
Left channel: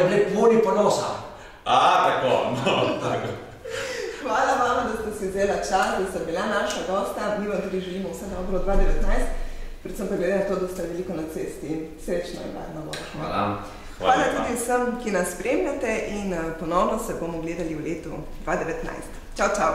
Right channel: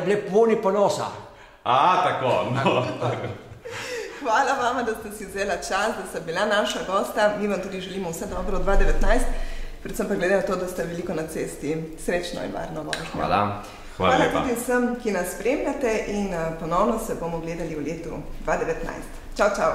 bili polni ponosa. Tako, no, tako. Hvala vama, da ste si vzela čas, da ste bila naša gosta. Mi vam tudi želimo vse dobro v 2019, predvsem pa glede na to, da ste veliko na cesti. Srečno in varno vožnjo. Hvala. Hvala tudi vsem, ki nas spremljate in ponovno se bomo gledali v letu 2019. Čau, čau.